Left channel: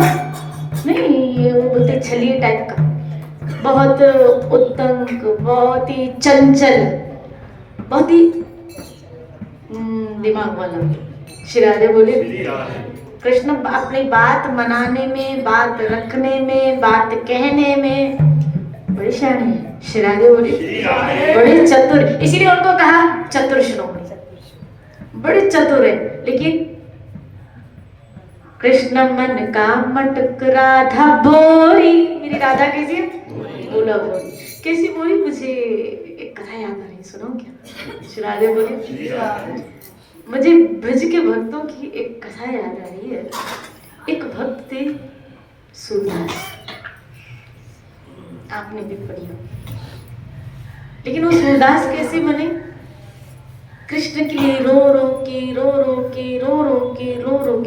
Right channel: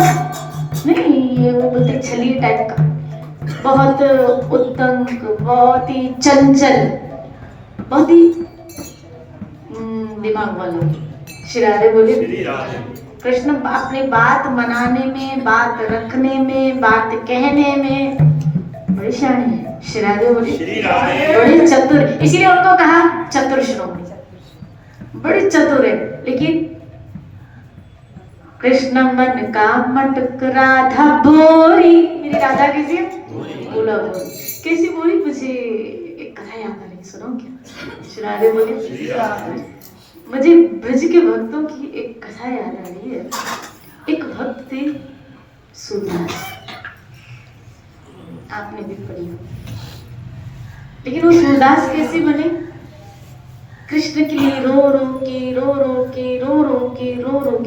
बहुत नहीं, ये वो बोलते छलिए टाइप का, बहुत उत्तम, बहुत ही चंचल, बहुत ही दिमाग वाला। श्री राधे बोले। कृष्ण अपनी बात मनाने में, बात रखने में, बात कहने में बड़ी शानी है। श्री राधे बोले बड़ी चतुर, इसीलिए उनको कहा चतुर श्रोमणी, बड़ी चतुर है। लेकिन कृष्ण मन का मटक राधा बोरी, मेरी राधा कैसी है? बोला कैसी बोली? मुझे एक कथा याद आ रही, सुनो क्या? श्री राधे बोले मुझे ब्रज के भक्तों की एक कथा याद आ रही है। एक भक्त थे सूरदास, आपने भी पढ़ी हो। लेकिन वो सूरदास कैसे बने? कृष्ण के लिए रो रो के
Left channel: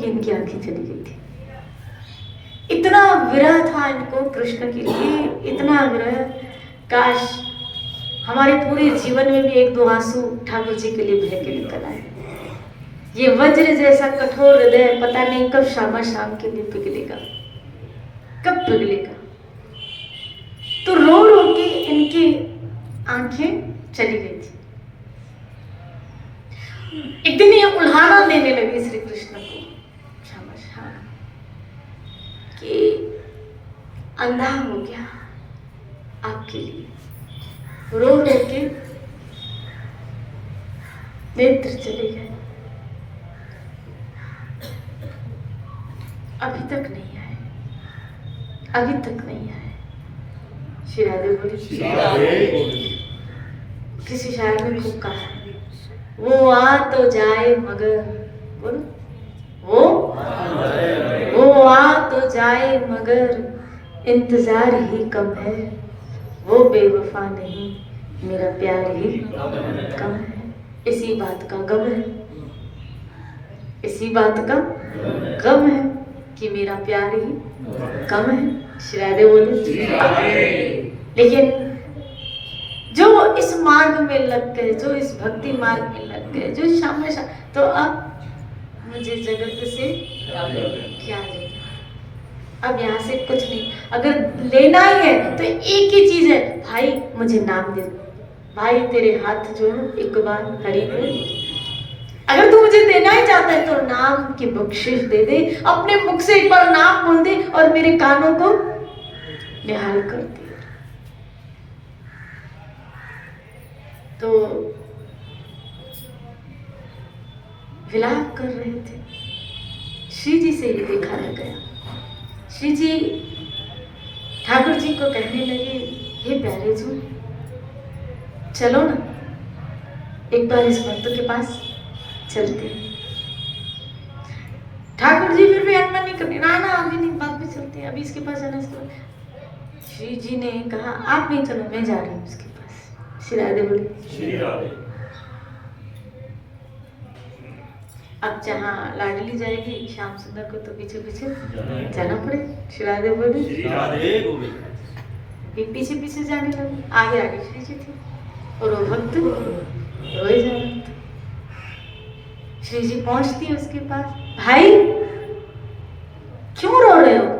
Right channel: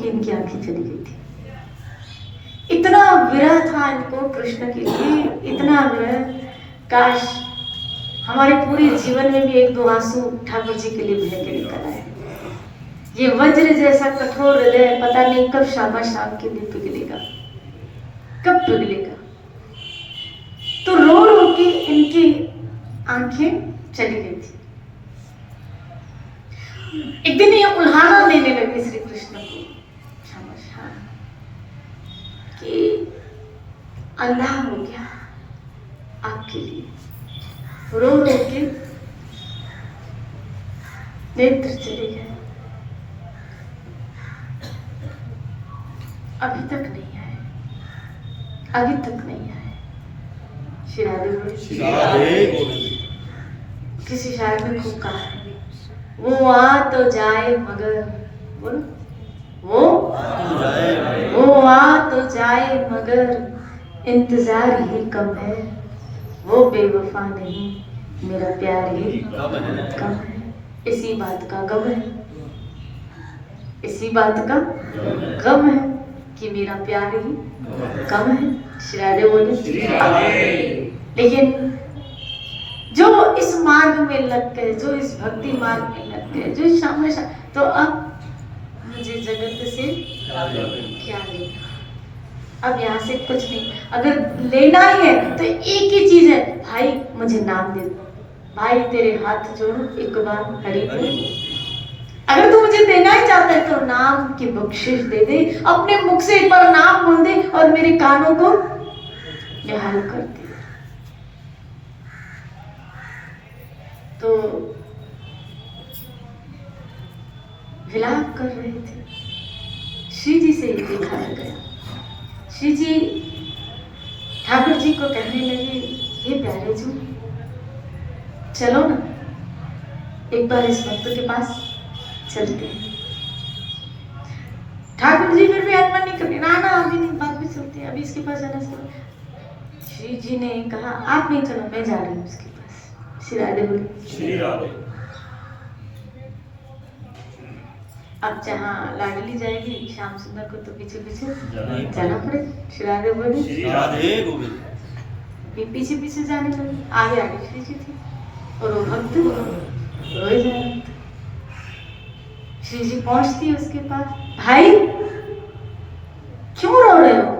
इनकी आंखें चली गई थी। इतना विरह था इनको कृष्ण के लिए, इतना विरह। काश हमारे पूरे जीवन में भी एक दो आंसू ठाकुर जी के लिए बह के निकल आए। ये वज्र जैसा कठोर हृदय पता नहीं कब शाम के लिए पिघलेगा, कब पिघलेगा। तो रो रो के इनकी आंखें चली गई थी। एक दिन ये उल्हाना देने लगे श्री कृष्ण को कि अंधा हो गया आपके लिए, रो रो के नेत्र चले गए, अभी तक नहीं आए, अभी तक नहीं आए। श्री राधे किसी शायर ने खूब कहा है, वो आ तो जाए मगर, वो आ तो जाए मगर इंतजार ही कम है, वो बेवफा नहीं मेरा प्यार ही कम है। इसी बात का गम है, इसी बात का गम है कि मेरा प्यार ही कम है। श्री राधे बोले। लेकिन जो इस मार्ग में लग गए, जो इस भक्ति मार्ग में लग गए, जो शाम तो अब मुझे जगत से क्या लेना, अब यहाँ से कुछ नहीं। अगर लेना ही है तो एक ही चीज है, भाई मुझे नाम दे दो, भाई तेरे हाथ जोड़ो एक बार हरि बोल। अगर तू मुझे देना ही चाहता है तो नाम की बख्शिश दे दे, अपने मुख से एक बार नाम बोल दे और मेरे कानों को निहाल कर दे। तो विलाप कर रहे थे, श्री जी से ये दिखाया गया। श्री जी ठाकुर जी को कहने लगे, हे प्यारे जी चलो ना एक बार इस भक्त के पास चलते हैं। ठाकुर जी फिर भी अनमन नहीं करते, ना अभी नहीं, बाद में चलते हैं, अभी इसके पास जाना इसके। श्री जी ने कहा आप नहीं चलो, मैं जा रही हूँ उसके पास। श्री राधे बोले। श्री राधे। अब जहाँ लाडली जाएगी श्याम सुंदर को तो पीछे पीछे जाना पड़ेगा। श्री राधे बोले। श्री राधे बोले। पीछे पीछे जाने लगे, आगे आगे श्री जी थे और वो भक्त रोए जा रहे थे। श्री जी पहुंचती उसके पास, भाई क्यों रो रहे हो?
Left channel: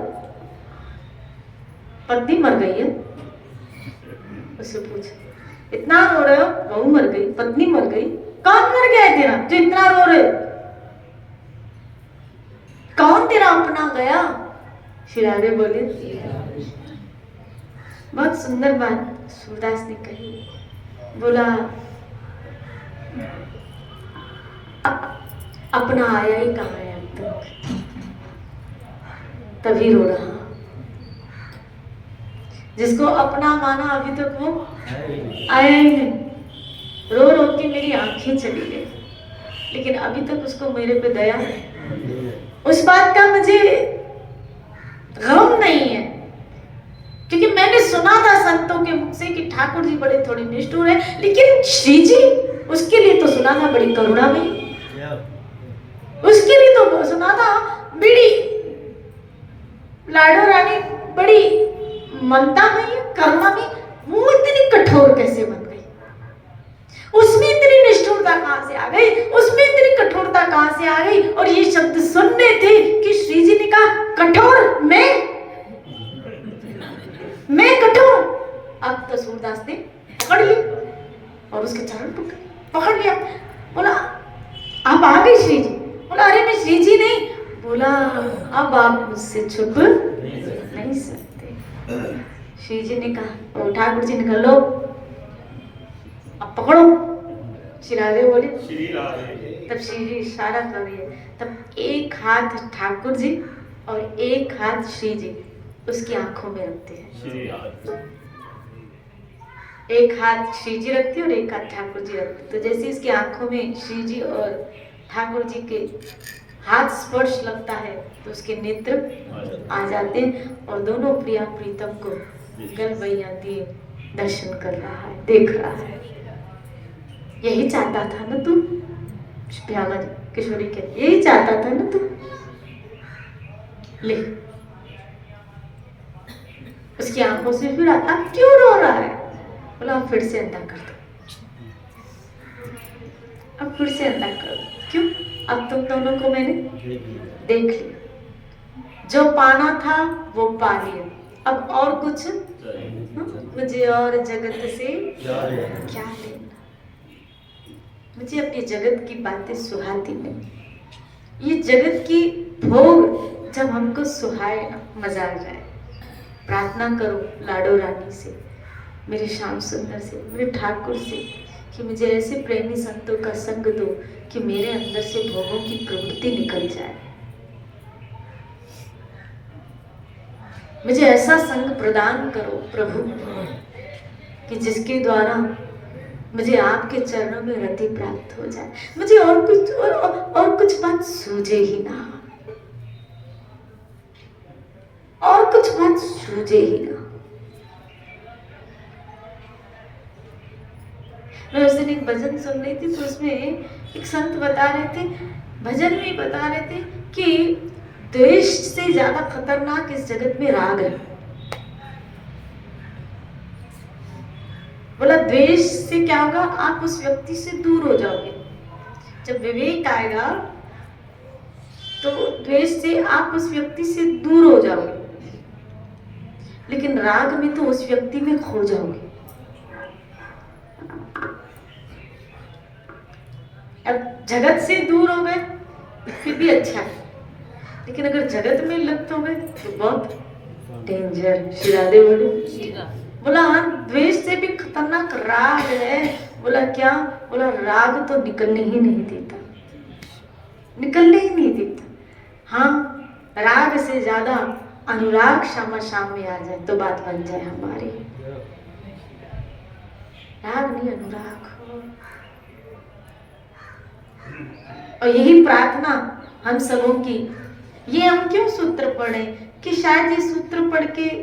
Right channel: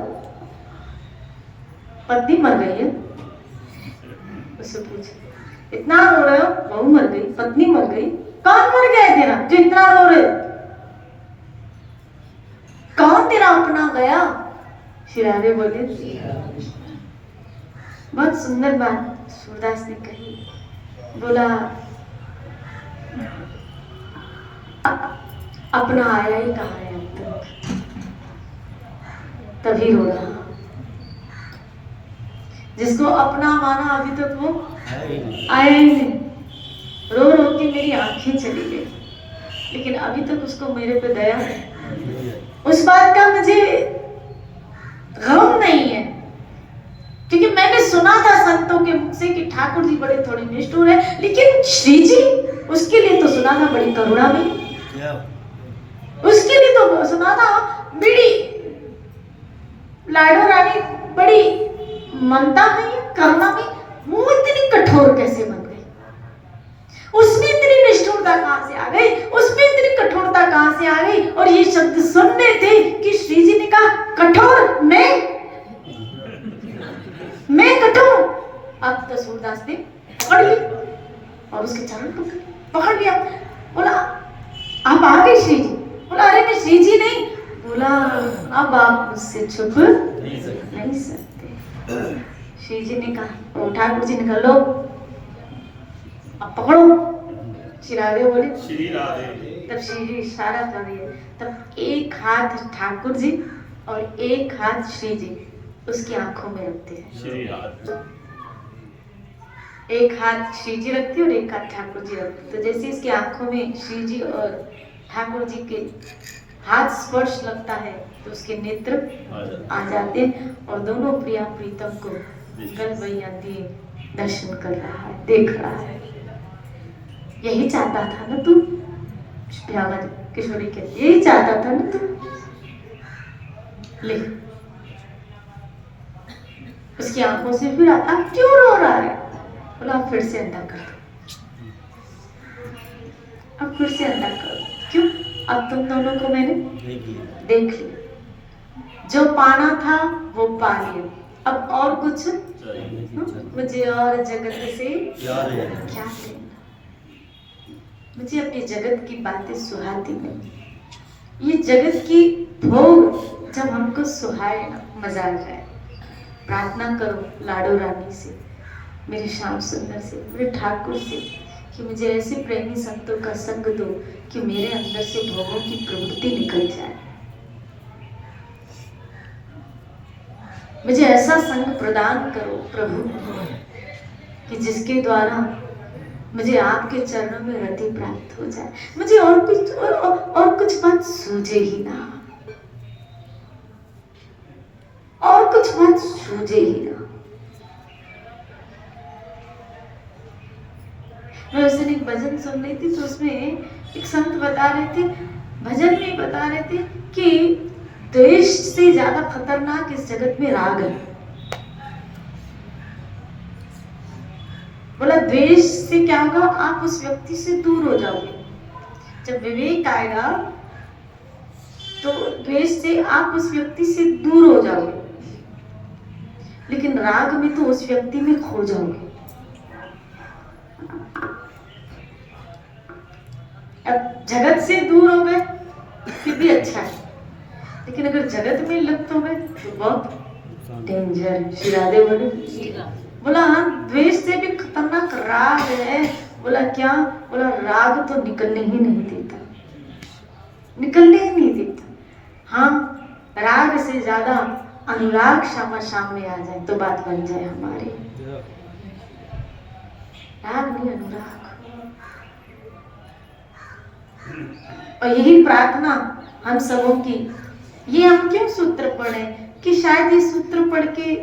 पत्नी मर गई है? उससे पूछा, इतना रो रहे हो? बहू मर गई, पत्नी मर गई, कौन मर गया है तेरा जो इतना रो रहे हो? कौन तेरा अपना गया? श्री राधे बोले। बहुत सुंदर बात सूरदास ने कही, बोला अपना आया ही कहा है अब तक, तभी रो रहा। जिसको अपना माना अभी तक वो आया ही नहीं, रो रो के मेरी आंखें चली गई, लेकिन अभी तक उसको मेरे पे दया है। उस बात का मुझे गम नहीं है, क्योंकि मैंने सुना था संतों के मुख से कि ठाकुर जी बड़े थोड़े निष्ठुर है, लेकिन श्री जी उसके लिए तो सुना था बड़ी करुणा में, उसके लिए तो सुना था बड़ी लाडो रानी, बड़ी ममता में, करुणा में। वो इतनी कठोर कैसे बन गई? उसमें इतनी निष्ठुरता कहां से आ गई? उसमें इतनी कठोरता कहां से आ गई? और ये शब्द सुनने थे कि श्री जी ने कहा कठोर पकड़ लिया। बोला आप आ गए श्री जी? बोला अरे मैं श्री जी नहीं। बोला अब आप मुझसे छुप नहीं सकते। श्री जी ने कहा, ठाकुर जी ने कहा लो अब पकड़ो। श्री राधे बोले श्री राधे। तब श्री जी इशारा कर रही है, तब एक हाथ ठाकुर जी और एक हाथ श्री जी उसकी आंखों में रखते हैं। एक हाथ श्री जी रखते और एक हाथ ठाकुर जी रखते। तो जैसे इसकी आंखों में श्री जी और ठाकुर जी के हाथ स्पर्श लगता है तो उसके नेत्र आ जाते हैं और दोनों प्रिया प्रीतम को गल बैया दिए दर्शन कर रहा है, देख रहा है। यही चाहता था ना तू? प्यामा किशोरी के यही चाहता था ना तू? ले उसकी आंखों से फिर अब क्यों रो रहा है? बोला अब फिर से अंधा कर दो, अब फिर से अंधा कर दो। क्यों? अब तुम दोनों को मैंने देख लिया, जो पाना था वो पा लिया, अब और कुछ मुझे और जगत से क्या लेना? मुझे अपनी जगत की बातें सुहाती नहीं। ये जगत की भोग जब हमको सुहाए ना, मजा आ जाए। प्रार्थना करो लाडो रानी से, मेरे श्याम सुंदर से, मेरे ठाकुर से कि मुझे ऐसे प्रेमी संतों का संग दो कि मेरे अंदर से भोगों की प्रवृत्ति निकल जाए। मुझे ऐसा संग प्रदान करो प्रभु कि जिसके द्वारा मुझे आपके चरणों में रति प्राप्त हो जाए। मुझे और कुछ बात सूझे ही ना, और कुछ बात सूझे ही ना। मैं उस दिन एक भजन सुन रही थी तो उसमें एक संत बता रहे थे, भजन में बता रहे थे कि द्वेष से ज्यादा खतरनाक इस जगत में राग है। बोला द्वेष से क्या होगा? आप उस व्यक्ति से दूर हो जाओगे। जब विवेक आएगा तो द्वेष से आप उस व्यक्ति से दूर हो जाओगे, लेकिन राग में तो उस व्यक्ति में खो जाओगे। अब जगत से दूर हो गए फिर भी अच्छा है, लेकिन अगर जगत में लिप्त हो गए तो बहुत डेंजर। श्री राधे बोले, बोला हाँ द्वेष से भी खतरनाक राग है। बोला क्या? बोला राग तो निकलने ही नहीं देता, निकलने ही नहीं देता। हाँ राग से ज्यादा अनुराग सामने आ जाए तो बात बन जाए हमारी। राग नहीं अनुराग। और यही प्रार्थना हम सबों की। ये हम क्यों सूत्र पढ़े कि शायद ये सूत्र पढ़ के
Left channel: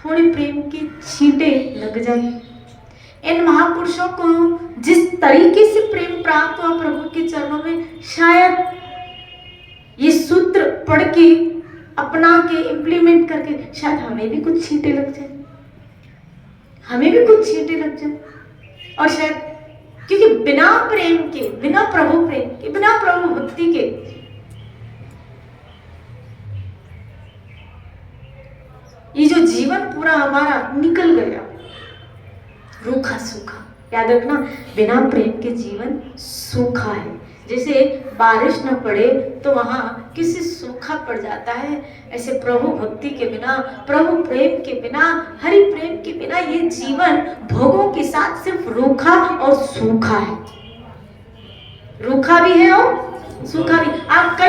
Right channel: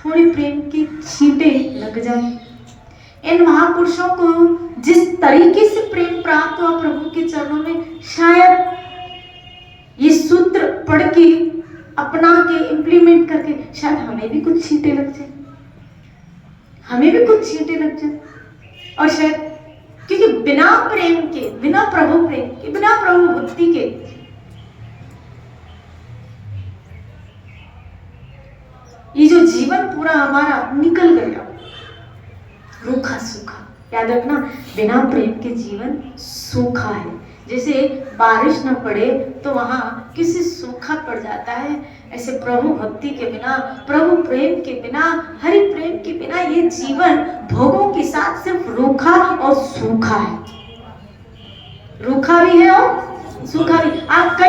थोड़ी प्रेम की छींटें लग जाए। इन महापुरुषों को जिस तरीके से प्रेम प्राप्त हुआ प्रभु के चरणों में, शायद ये सूत्र पढ़ के अपना के इम्प्लीमेंट करके शायद हमें भी कुछ छींटें लग जाए, हमें भी कुछ छींटें लग जाए। और शायद क्योंकि बिना प्रेम के, बिना प्रभु प्रेम के, बिना प्रभु भक्ति के ये जो जीवन पूरा हमारा निकल गया रूखा सूखा। याद रखना, बिना प्रेम के जीवन सूखा है। जैसे बारिश न पड़े तो वहां किसी सूखा पड़ जाता है, ऐसे प्रभु भक्ति के बिना, प्रभु प्रेम के बिना, हरि प्रेम के बिना ये जीवन भोगों के साथ सिर्फ रूखा और सूखा है। रूखा भी है और सूखा भी। आप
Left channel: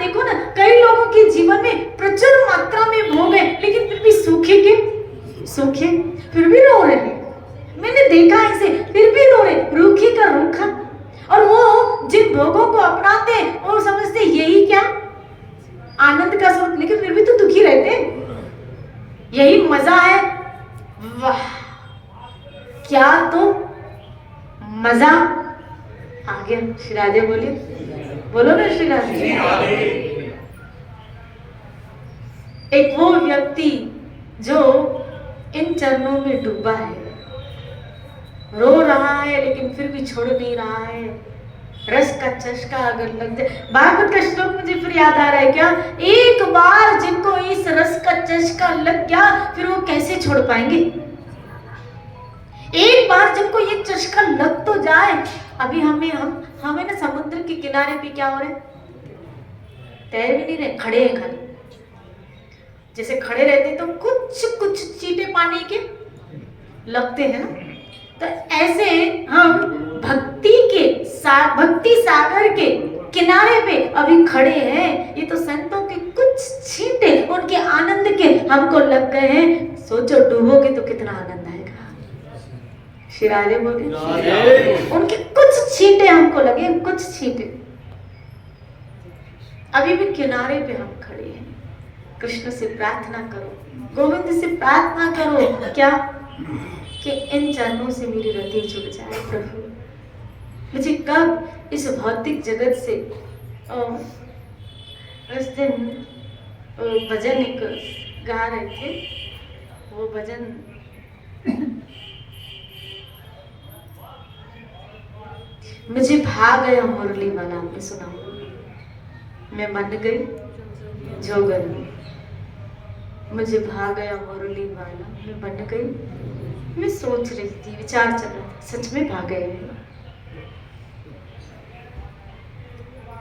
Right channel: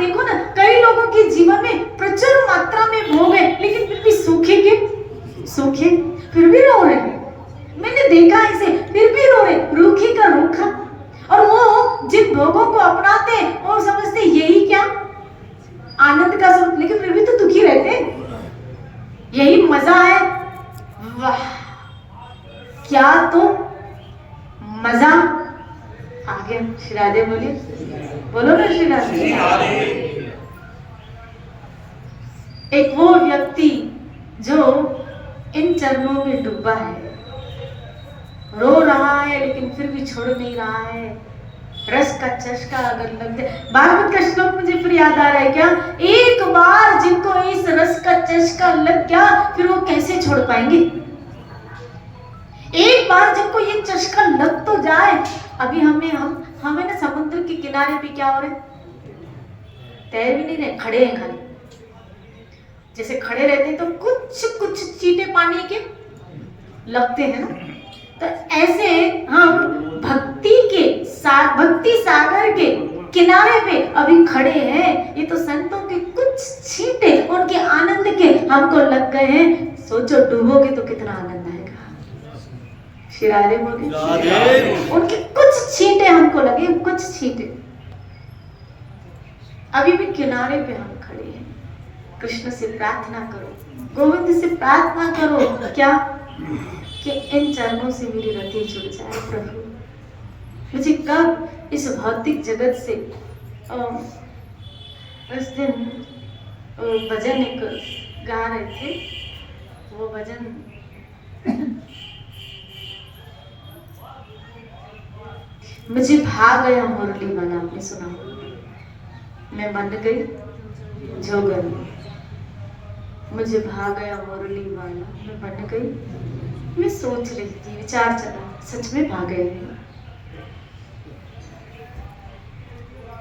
देखो ना, कई लोगों के जीवन में प्रचुर मात्रा में भोग है, लेकिन फिर भी सूखे के सूखे, फिर भी रो रहे हैं। मैंने देखा ऐसे, फिर भी रो रहे, रूखी का रूखा। और वो जिन भोगों को अपनाते हैं वो समझते यही क्या आनंद का स्वरूप, लेकिन फिर भी तो दुखी रहते हैं। यही मजा है। वाह क्या तो मजा आ गया। श्री राधे बोलिए, बोलो ना श्री राधे। एक वो व्यक्ति जो इन चरणों में डूबा है, रो रहा है लेकिन फिर भी छोड़ नहीं रहा है। रस का चस्का अगर लग जाए, भागवत का श्लोक मुझे फिर याद आ रहा है क्या, एक बार जिनको इस रस का चस्का लग गया फिर वो कैसे छोड़ पाएंगे। एक बार जिनको ये चस्का लग तो जाए, अभी हमें ना समुद्र के किनारे पे क्या हो रहा है, तैर भी नहीं रहे, खड़े हैं खाली। जैसे खड़े रहते तो कुछ कुछ चींटे पानी के लगते हैं ना, तो ऐसे हम भक्ति सागर के किनारे पे अभी खड़े हैं। ये तो संतों के कुछ छींटे उनके आनंद के हमको लग गए हैं। सोचो डूबोगे तो कितना आनंद आएगा। शिरारे बोले उनके कुछ छींटे हमको लगे, कुछ छींटे। अभी भी किनारे पे हम खड़े हैं। कृष्ण से प्रार्थना करो, गोविंद से प्रार्थना करो, क्या कि इन चरणों से मेरी रति जुड़ जाए। प्रभु मुझे कब इस भौतिक जगत से उस दिन भजन एक गा रहे थे, वो भजन मुझे भाग गया मुरली बना, आपने सुना? मैं मन गई जोगन, मुझे भाग गया मुरली बना, मैं बन गई। मैं सोच रही थी, विचार चला, सच में भाग गए हैं?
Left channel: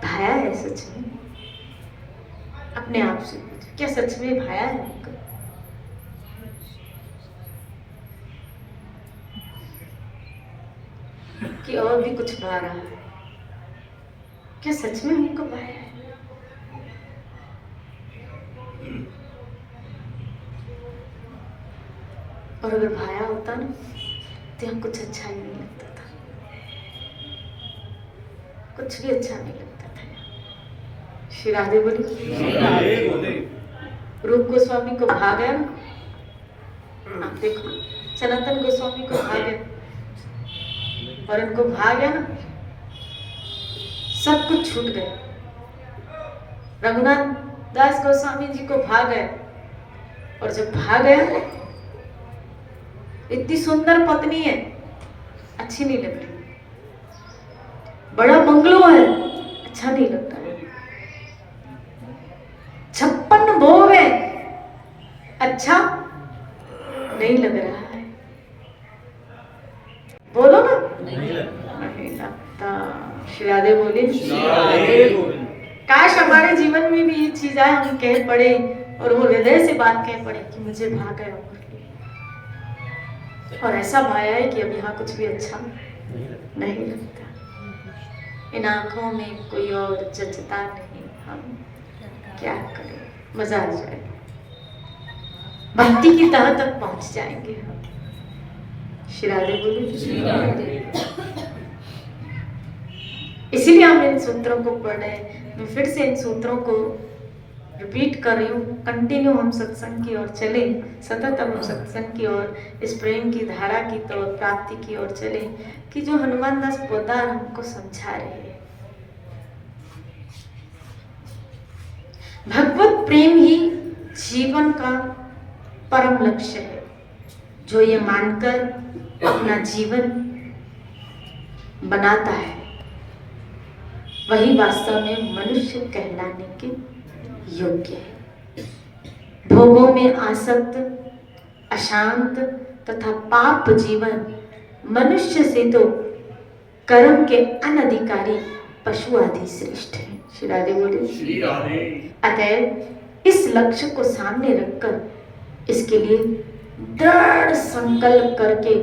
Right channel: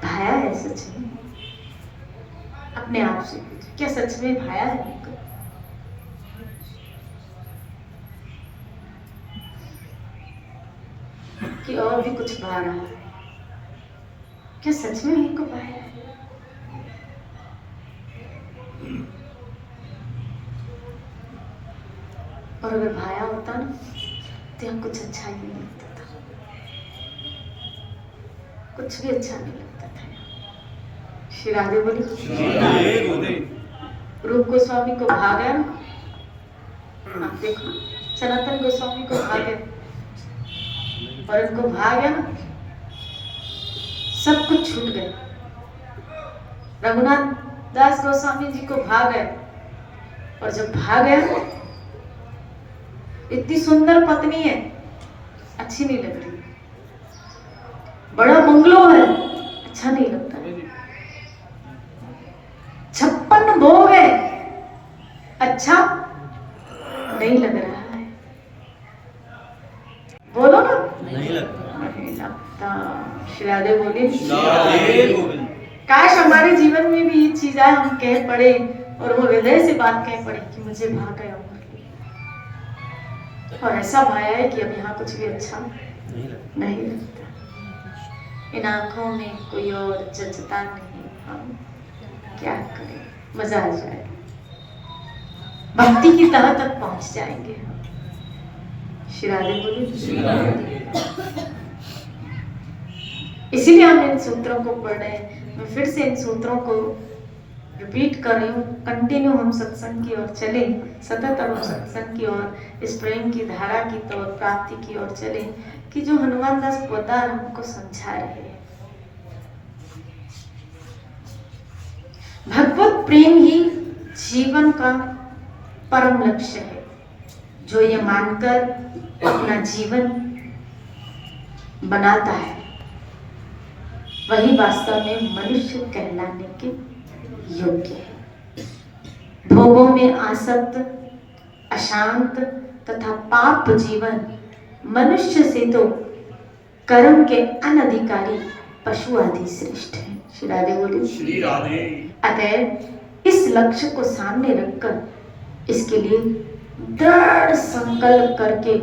भाया है सच में? अपने आप से क्या सच में भाया है हमको? कि और भी कुछ भा रहा है? क्या सच में हमको भाया है? और अगर भाया होता ना तो यहाँ कुछ अच्छा ही नहीं लगता था, कुछ भी अच्छा नहीं लगता था। श्री राधे बोली रूप गोस्वामी को भाग गया, आप देखो सनातन गोस्वामी को भाग गया, और उनको भाग गया ना, सब कुछ छूट गए। रघुनाथ दास गोस्वामी जी को भाग गया, और जब भाग गया इतनी सुंदर पत्नी है, अच्छी नहीं लग रही, बड़ा बंगलो है, अच्छा नहीं लगता है, 56 भोग है, अच्छा नहीं लग रहा है। बोलो ना, नहीं लगता। श्री राधे बोले काश हमारे जीवन में भी ये चीज आए, हम कह पड़े और वो हृदय से बात कह पड़े कि मुझे भाग गया और ऐसा भाया है कि अब यहाँ कुछ भी अच्छा नहीं लगता। इन आंखों में कोई और जचता नहीं, हम क्या करें? मजा आ जाए, भक्ति की तह तक पहुंच जाएंगे हम। श्री राधे बोले इसीलिए हम इन सूत्रों को पढ़ रहे हैं। मैं फिर से इन सूत्रों को रिपीट कर रही हूँ। कंटिन्यू हम सत्संग की ओर चले, सतत हम सत्संग की ओर, इस प्रेम की धारा की तो प्राप्ति की ओर चले कि जो हनुमान दास पोदार हमको समझा रहे हैं। भगवत प्रेम ही जीवन का परम लक्ष्य है। जो ये मानकर अपना जीवन बनाता है वही वास्तव में मनुष्य कहलाने के योग्य है। भोगों में आसक्त, अशांत तथा पाप जीवन मनुष्य से तो कर्म के अनधिकारी पशु आदि श्रेष्ठ है। श्री राधे बोले। अतः इस लक्ष्य को सामने रखकर इसके लिए दृढ़ संकल्प करके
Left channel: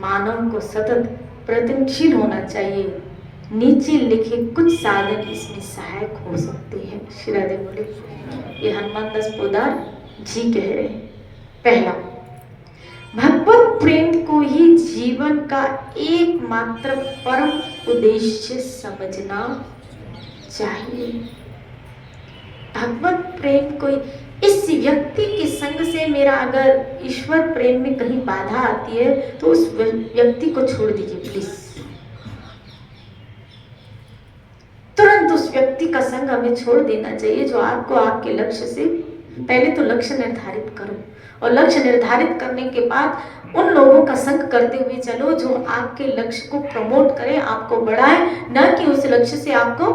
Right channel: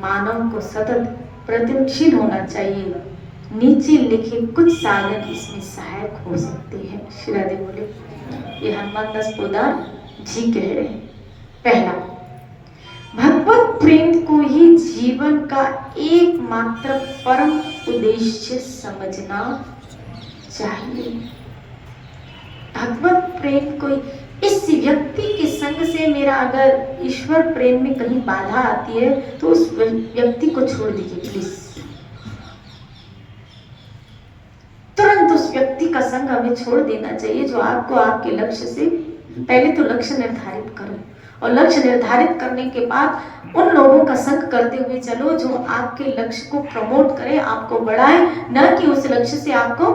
मानव को सतत प्रयत्नशील होना चाहिए। नीचे लिखे कुछ साधन इसमें सहायक हो सकते हैं। श्री राधे बोले ये हनुमान दास पोदार जी कह रहे हैं। पहला, भगवत प्रेम को ही जीवन का एकमात्र परम उद्देश्य समझना चाहिए। भगवत प्रेम को, इस व्यक्ति के संग से मेरा अगर ईश्वर प्रेम में कहीं बाधा आती है तो उस व्यक्ति को छोड़ दीजिए प्लीज। तुरंत उस व्यक्ति का संग हमें छोड़ देना चाहिए जो आपको आपके लक्ष्य से, पहले तो लक्ष्य निर्धारित करो और लक्ष्य निर्धारित करने के बाद उन लोगों का संग करते हुए चलो जो आपके लक्ष्य को प्रमोट करे, आपको बढ़ाए, न कि उस लक्ष्य से आपको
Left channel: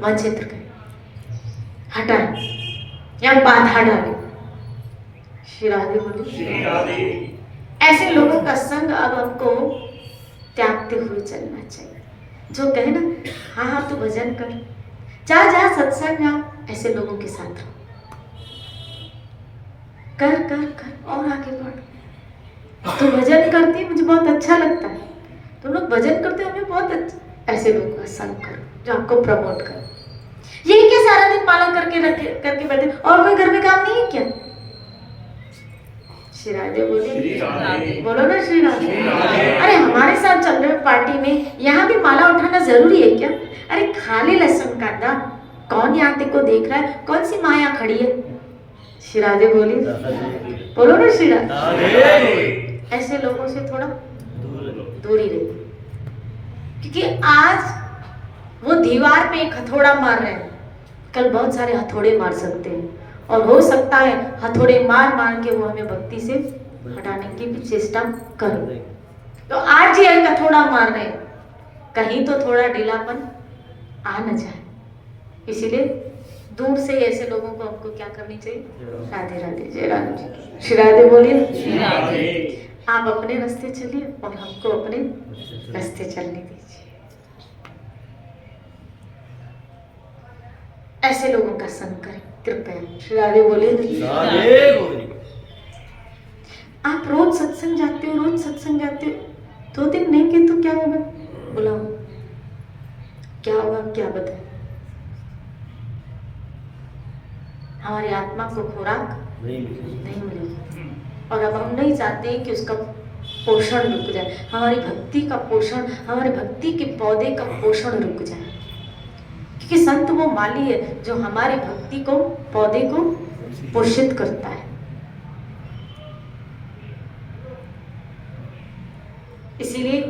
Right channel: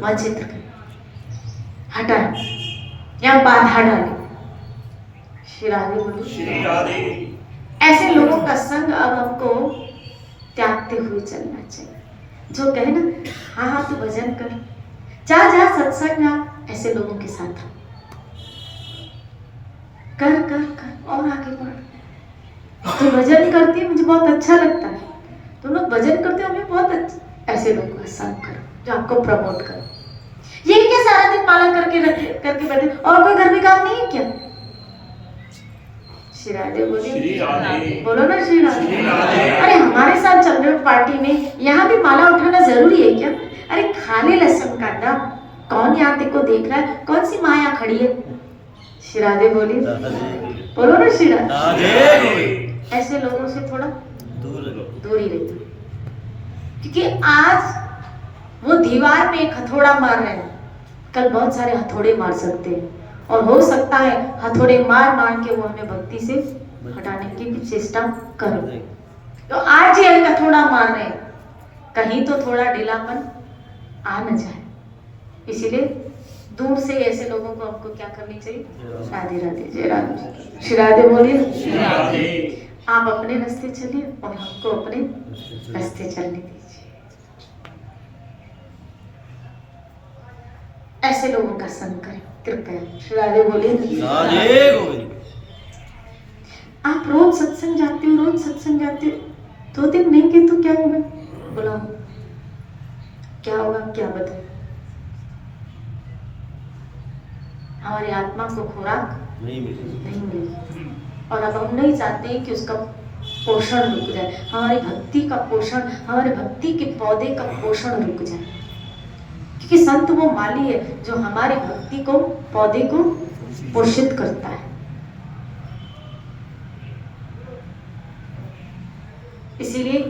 वंचित करे, हटाए या बाधा डाले। श्री राधे बोले। ऐसे लोगों का संग अब हमको त्यागते हुए चलना चाहिए। जो कहे ना हाँ तू भजन कर, जा जा सत्संग में, ऐसे लोगों के साथ कर कर कर और आगे बढ़। तो भजन करती है, मुझे बहुत अच्छा लगता है, तुम लोग भजन करते हो, मुझे बहुत अच्छा। ऐसे लोगों का संग करो जो आपको प्रमोट करे। ये क्या सारा दिन माला करके बैठे और कोई घर में काम नहीं है क्या? श्री राधे बोलो ना श्री राधे। अरे हमारे साथ चल रहे पार्टी में, यहाँ भी माला उठाना जरूरी है क्या? अरे खाली लहसुन काटना, कौन यहाँ देखो देख रहा है, कौन सी माँ यहाँ खड़ी है? श्री राधे बोलो ना श्री राधे। ऐसे लोगों से थोड़ा दूरी रहिए, क्योंकि आज वो दीवार पे एक हथौड़ा मार रहे हैं, कल बहुत सारे हथौड़े मार सकते हैं, और हो सकता है हथौड़े मार मार के वो हमें भक्ति से हटाने की भी चेष्टा करो। तो आज ये हथौड़ा मार रहे हैं, कहीं तो थोड़ा ढीलापन आ न जाए, इसीलिए दूर से ऐसे लोगों को आपको क्या करनी चाहिए? राधे राधे, जय राधे, श्री राधे बोलिए। आप अपने रास्ते चलिए और हमको अपने रास्ते चलने दीजिए। ऐसे लोगों का संग करें कृपया। श्री राधे बोलिए। आप रोज सत्संग जाते हो, रोज सत्संग जाते हो, 2 दिन नहीं किए तो क्या होगा? बोलो क्या होगा, क्या बताए? हमारी आत्मा को खुराक नहीं मिलेगी, और अब हम नहीं चाहते कि उसका पोषण रुक जाए, हमारी भक्ति का पोषण, हमारे भक्ति के पौधे का पोषण रुक जाए, क्योंकि संत वो माली है जो हमारी भक्ति को, पौधे को पोषित करता है। इसीलिए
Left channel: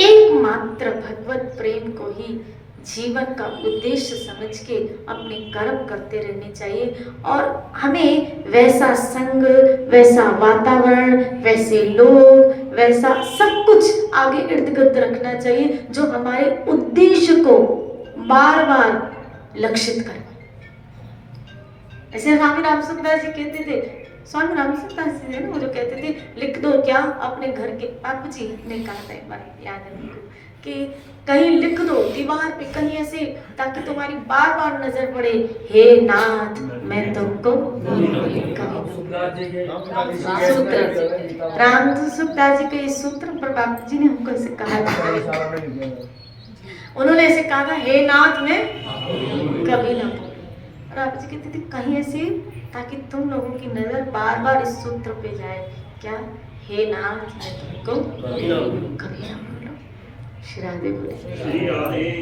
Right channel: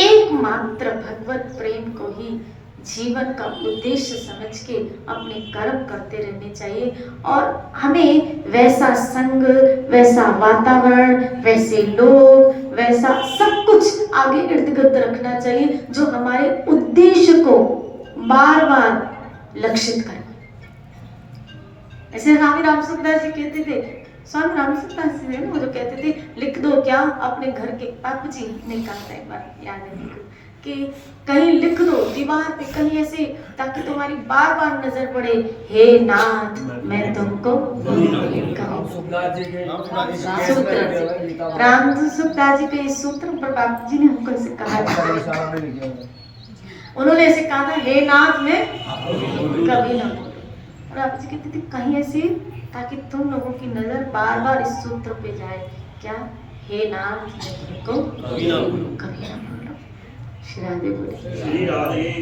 एकमात्र भगवत प्रेम को ही जीवन का उद्देश्य समझ के अपने कर्म करते रहने चाहिए, और हमें वैसा संग, वैसा वातावरण, वैसे लोग, वैसा सब कुछ आगे इर्द गिर्द रखना चाहिए जो हमारे उद्देश्य को बार बार लक्षित करे। ऐसे स्वामी राम सुखदास जी कहते थे, स्वामी राम सुखदास जी ने वो जो कहते थे, लिख दो क्या अपने घर के, आप जी ने कहा था एक बार, याद है कि कहीं लिख दो दीवार पे, कहीं ऐसे, ताकि तुम्हारी बार बार नजर पड़े, हे नाथ मैं तुमको राम सुखदास जी के इस सूत्र पर बापू जी ने हमको ऐसे कहा, उन्होंने ऐसे कहा था, हे नाथ मैं कभी ना, और आप जी कहते थे कहीं ऐसे, ताकि तुम लोगों की नजर बार बार इस सूत्र पे जाए, क्या? हे नाथ मैं तुमको कभी ना भूलूं। श्री राधे बोले,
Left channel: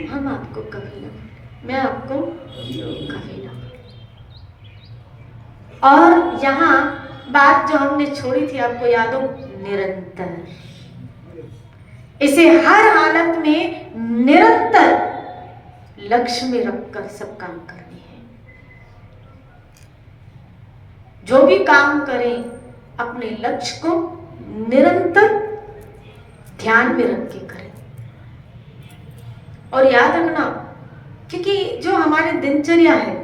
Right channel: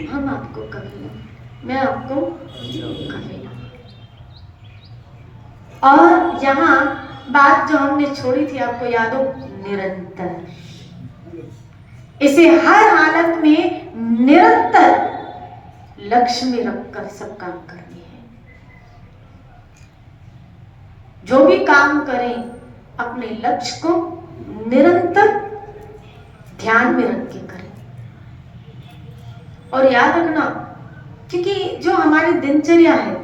हम आपको कभी ना, मैं आपको कभी ना। और यहाँ बात जो हमने छोड़ी थी आपको याद हो, निरंतर, इसे हर हालत में निरंतर लक्ष्य में रखकर सब काम करनी है। जो भी काम करें अपने लक्ष्य को निरंतर ध्यान में रख के करें, और याद रखना, क्योंकि जो हमारी दिनचर्या है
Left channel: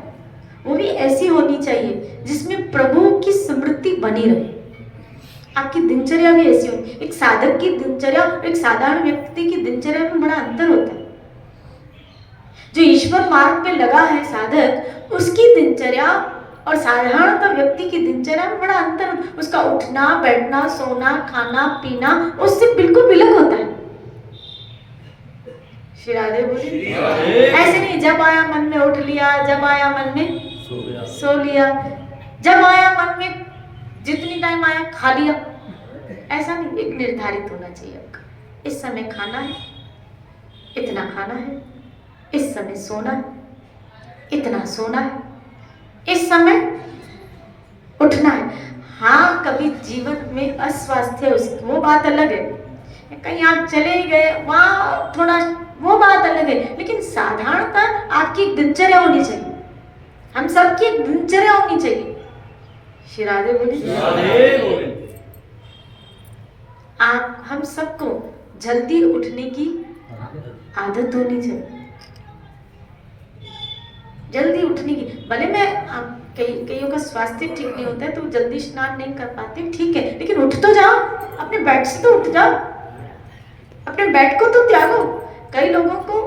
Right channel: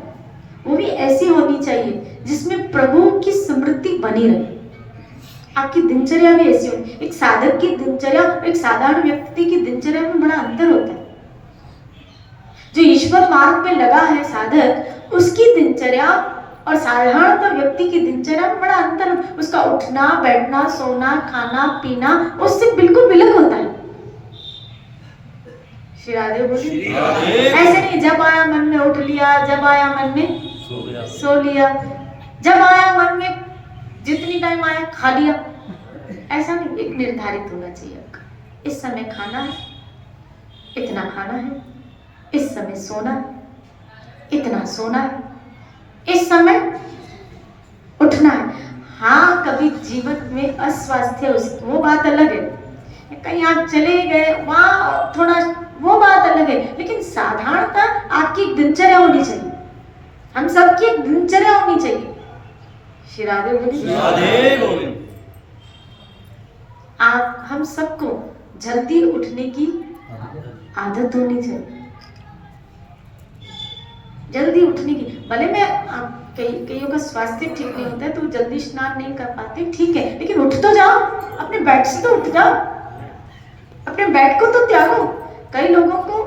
वो भी ऐसी होनी चाहिए जिसमें प्रभु की स्मृति बनी रहे। आपकी दिनचर्या भी ऐसी होगी। एक साधक की दिनचर्या और एक साधारण व्यक्ति की दिनचर्या में बड़ा अंतर होता है। जो ईश्वर मार्ग पे लगा है साधक, उसकी दिनचर्या और साधारण व्यक्ति की दिनचर्या में बड़ा अंतर, उसका उठना बैठना सोना खाना पीना उससे बिल्कुल अलग होता है। श्री राधे बोलिए। ऐसे नहीं जब आया मन में उठ लिया, जब आया मन में सो लिया, जब आया मन में जितनी टाइम आया खा लिया, ऐसा नहीं। एक निर्धारित होना चाहिए आपका, इस समय खाना है, इतना खाना है, इस समय सोना है, इतना सोना है, इस समय उठना है। हाँ कभी जीवन में अस्वास्थ्य वो बात अलग है, कहीं आप चले गए वहां थोड़ा वो बात अलग है, लेकिन साधारणता आपकी एक दिनचर्या होनी चाहिए, हम सबकी एक दिनचर्या होनी चाहिए। श्री राधे बोलिए। आप हम सबको जल्दी उठने की आदत होनी चाहिए, जल्दी उठने की। भले मैं आप कईयों का स्वास्थ्य ठीक नहीं होता है तो जल्दी स्नान नहीं कर पाते, ठीक है, लेकिन उठ तो जाओ, अपने बेड से तो उठ जाओ, अपने बेड को तो त्यागो। कई लोगों को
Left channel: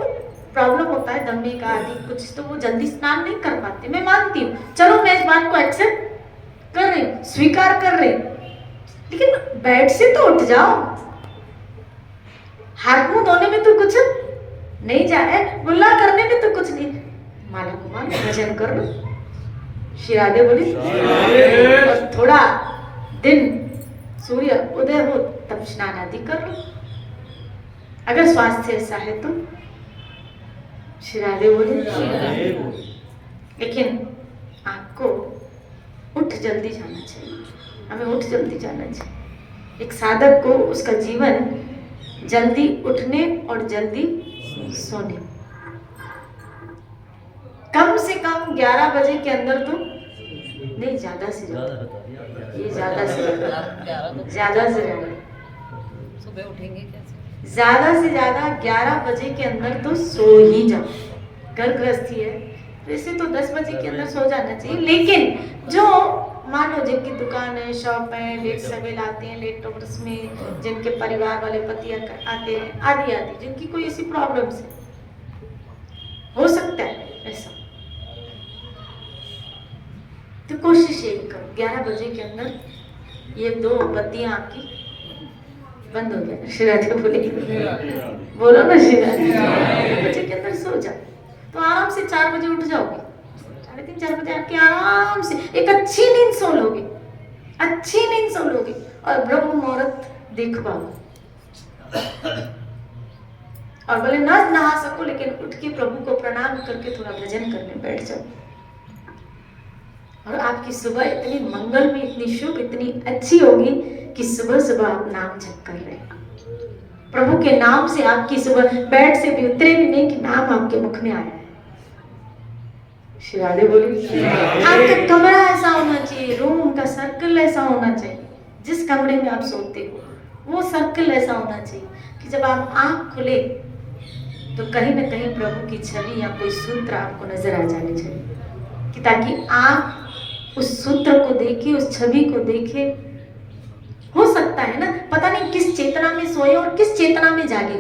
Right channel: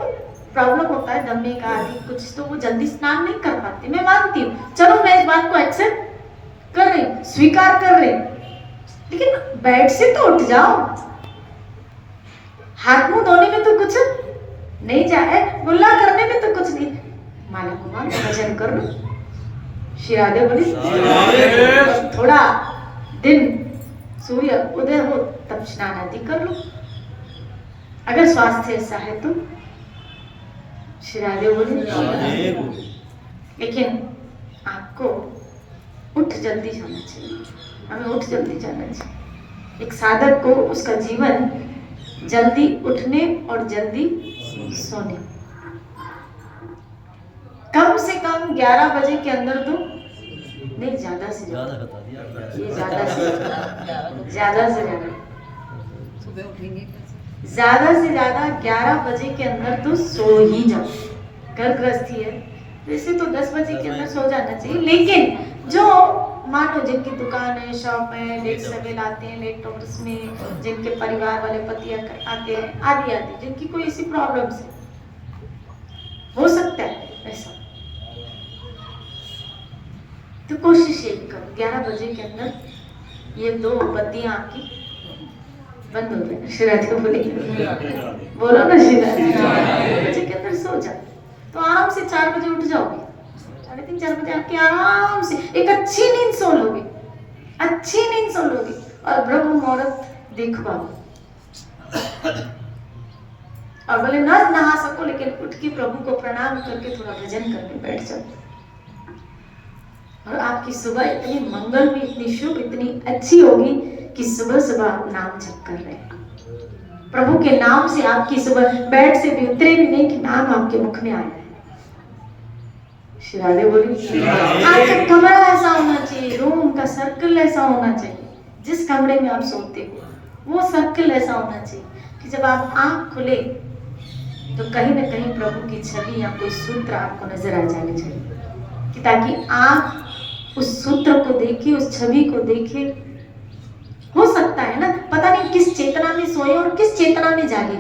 प्रॉब्लम होता है दमे का आदि कुछ, तो वो जल्दी स्नान नहीं कर पाते, मैं मानती हूँ, चलो मैं इस बात को एक्सेप्ट कर रही, स्वीकार कर रही, लेकिन बेड से तो उठ जाओ। हाथ मुंह धोने में तो कुछ नहीं जा रहा है, मुल्ला करने में तो कुछ नहीं, माला कुमार भजन कर लो, श्री राधे बोली थोड़ा दिन सूर्य उदय हो तब स्नान आदि कर लो, अगर स्वास्थ्य ऐसा है तो। श्री राधे बोली लेकिन आपको उठ जल्दी जाना चाहिए, हमें उठ जल्दी जाना चाहिए। एक साधक को उसका जीवन जल्दी उठने और जल्दी सोने, कम से कम 11 बजे के अंदर तो नहीं, ज्यादा से ज्यादा, ये ज्यादा से ज्यादा सुबह उठेंगे कैसे, ज्यादा से ज्यादा 11 बजे के अंदर तो सो ही जाओ। घर गृहस्थी है वैसे तो 10 बजे के अंदर सो जाना चाहिए, लेकिन जो मानो जिनकी दुकान है, शॉप है, लेट सवेल आते हैं, लेट ऑफिस में, जिनके परिवार वाले पति आते हैं, आदि आदि, जिनकी कोई ऐसी प्रॉब्लम्स है, हो सकता है ऐसा, तो कोशिश ये करो 11 बजे के अंदर ये 2 बत्तियां आपकी बंद हो गई। श्री राधे बोलेगी, बोलो ना श्री राधे, 11 बजे के अंदर सो जाओ तो आराम से 4 बजे उठ जाओगे, 3:30 4 बजे आपके आराम से एक अच्छी नींद सो लोगे, अच्छी नींद सो लोगे और ब्रह्म मुहूर्त देख पाओ, और भले ना नहा सको लेकिन उठ के प्रभु को प्रणाम करके थोड़ा भजन करने बैठ जाओ, और आपकी सुबह इतनी मंगल में, इतनी शुभ, इतनी अच्छी होगी कि सुबह सुबह आप नाम जप कर रहे हैं, प्रभु के नाम से आपकी सुबह बेड से भी उतरे भी नहीं कि नाम आपके मुख में आया है। श्री राधे बोली आपका कमरा ऐसा होना चाहिए, रूम का सर्कल ऐसा होना चाहिए, जिस कमरे में आप सोते हो वो सर्कल ऐसा होना चाहिए कि जब आप आंख खुले तो कहीं ना कहीं प्रभु की छवि या कोई सूत्र आपको नजर आ जानी चाहिए, कि ताकि आप उस सूत्र को देखे, उस छवि को देखे। हो सकता है ना, पता नहीं किस चेतना में सोए और किस चेतना में जागे,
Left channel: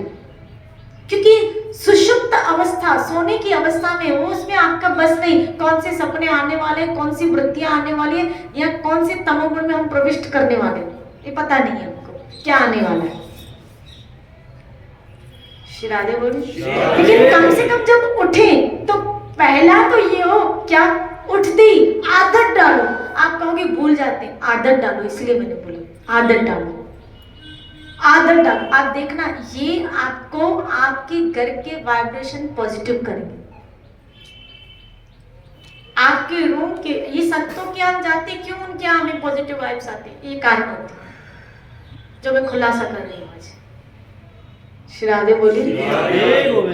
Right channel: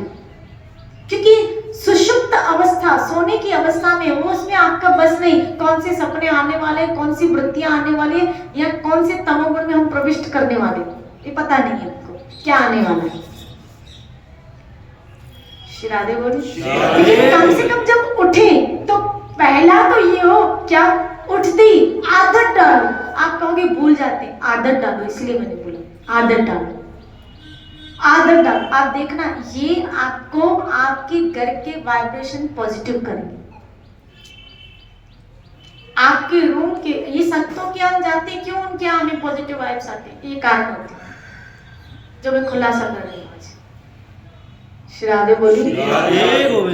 क्योंकि सुषुप्त अवस्था, सोने की अवस्था में वो, उसमें आपका बस नहीं, कौन से सपने आने वाले, कौन सी वृत्तियां आने वाली है, या कौन से तमोगुण में हम प्रविष्ट करने वाले, ये पता नहीं है आपको क्या आने वाला है। श्री राधे बोली लेकिन कम से कम जब उठे तो पहला तो ये हो, क्या उठती आदत डालो। आप कहोगे भूल जाते, आदत डालो, इसलिए मैंने बोला आदत डालो, आदत डालो। आप देखना ये आपको आपके घर के वाइब्रेशन पॉजिटिव करेंगे, आपके रूम के, ये संतों के यहाँ जाते क्यों, उनके यहाँ हमें पॉजिटिव वाइब्स आते हैं, ये कारण होते हैं जो मैं खुलासा कर रही हूँ आज। श्री राधे बोली